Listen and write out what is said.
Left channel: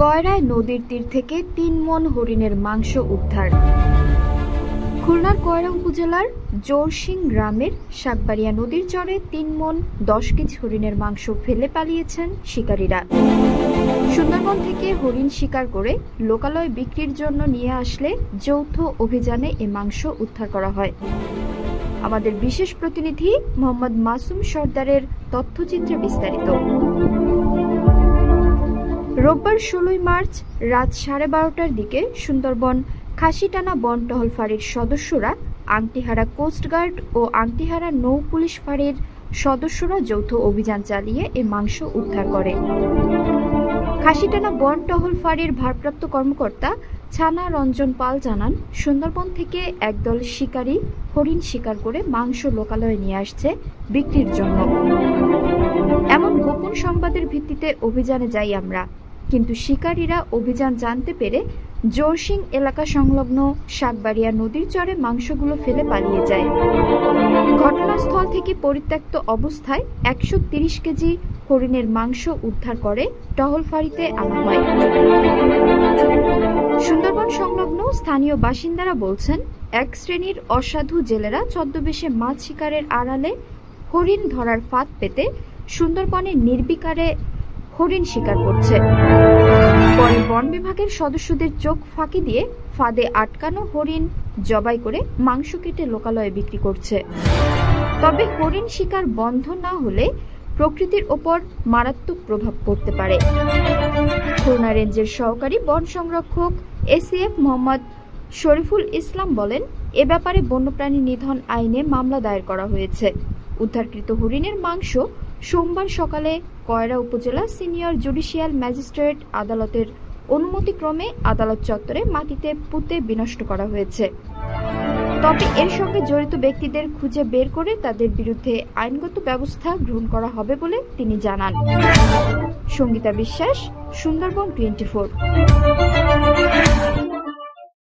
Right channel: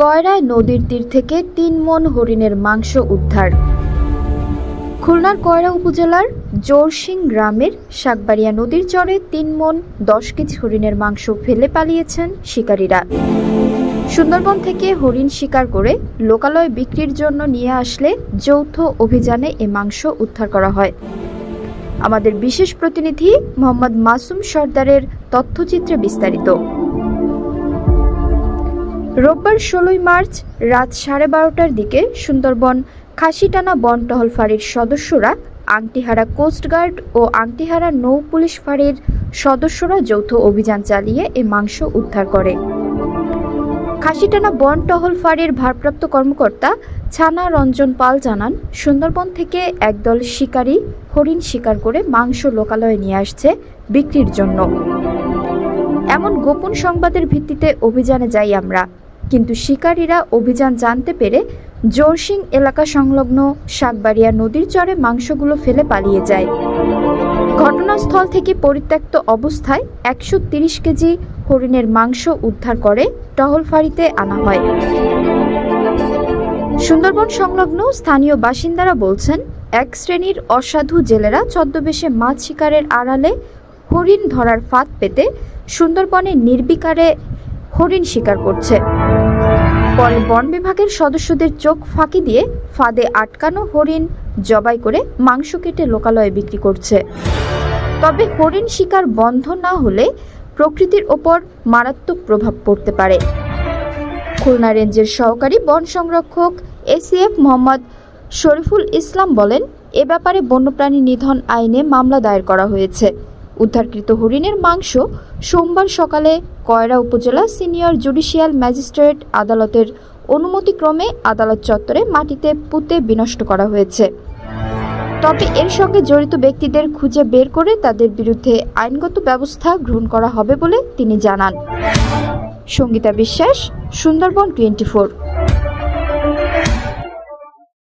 কয়রায় নদীর তীর থেকে ৩ মণ হরিণের মাংস উদ্ধার। খুলনার কয়রা উপজেলার জোরসিং গ্রামের শাকবাড়িয়া নদীর চরে ৩ মণ ১০ কেজি হরিণের মাংস ফেলে পালিয়েছেন শিকারীরা। সুন্দরবন থেকে হরিণ শিকার করে লোকালয়ে বিক্রির জন্য নিয়ে আসলে যৌথ অভিযানে এ মাংস উদ্ধার করা হয়। আমাদের বিশেষ প্রতিনিধি মোহাম্মদ মাসুম সর্দারের তথ্যচিত্রে বিস্তারিত। রোববার ১৬ মার্চ রাত 12:30টার দিকে সুন্দরবন খাসিটানা বন টহল ফাঁড়ির সদস্যরা, আংটিহারা কোস্টগার্ড ও আংটিহারা নৌ পুলিশ ফাঁড়ির সদস্যরা যৌথ অভিযান চালিয়ে এ মাংস উদ্ধার করে। খাসিটানা বন টহল ফাঁড়ির ভারপ্রাপ্ত কর্মকর্তা ছানা রঞ্জন পাল জানান, সুন্দরবন থেকে একদল শিকারী হরিণ শিকার করে মাংস লোকালয়ে নিয়ে আসছে বিক্রির জন্য। এমন গোপন সংবাদের ভিত্তিতে অভিযানে যাই আমরা, কিন্তু শিকারীরা অভিযান জানতে পেরে জোরসিং এলাকা সংলগ্ন শাকবাড়িয়া নদীর চরে মাংসগুলো ফেলে পালিয়ে যায়। ঘটনাস্থল থেকে পরিত্যক্ত অবস্থায় ১৩০ কেজি হরিণের মাংস উদ্ধার করে টহল ফাঁড়িতে আনা হয়। সুন্দরবন সংলগ্ন স্থানীয় বাসিন্দারা বলছেন, এক শ্রেণীর অসাধু জেলেরা ছদ্মবেশে মাছ শিকারের আড়ালে হরিণ ধরার ফাঁদ পেতে সুন্দরবনে নির্বিকারে হরিণ শিকার করছে। পরে বন বিভাগের সদস্যদের চোখ ফাঁকি দিয়ে ফাঁদে আটকানো হরিণ জবাই করে মাংস কেটে লোকালয়ে বিক্রি করছে। তবে হরিণ শিকার বন্ধ না হলে প্রকৃতির ওপর মারাত্মক প্রভাব পড়তে পারে। খুলনা রেঞ্জের সহকারী বন সংরক্ষক এসিএফ মোহাম্মদ শরীফুল ইসলাম বলেন, এ ব্যাপারে বন্যপ্রাণী নিধন আইনে মামলা দায়ের করা হয়েছে। উদ্ধারকৃত হরিণের মাংস সোমবার সকালে কয়রা উপজেলা সিনিয়র জুডিশিয়াল ম্যাজিস্ট্রেট আদালতের অনুমতিক্রমে আদালত চত্বরে মাটিতে পুঁতে বিনষ্ট করা হয়েছে। তবে এর সঙ্গে জড়িত ব্যক্তিদের খুঁজে বের করে তাদের বিরুদ্ধে আইনগত ব্যবস্থা গ্রহণ করা হবে বলে তিনি জানান। সঙ্গীতা বিশ্বাস, সুন্দরবন 24।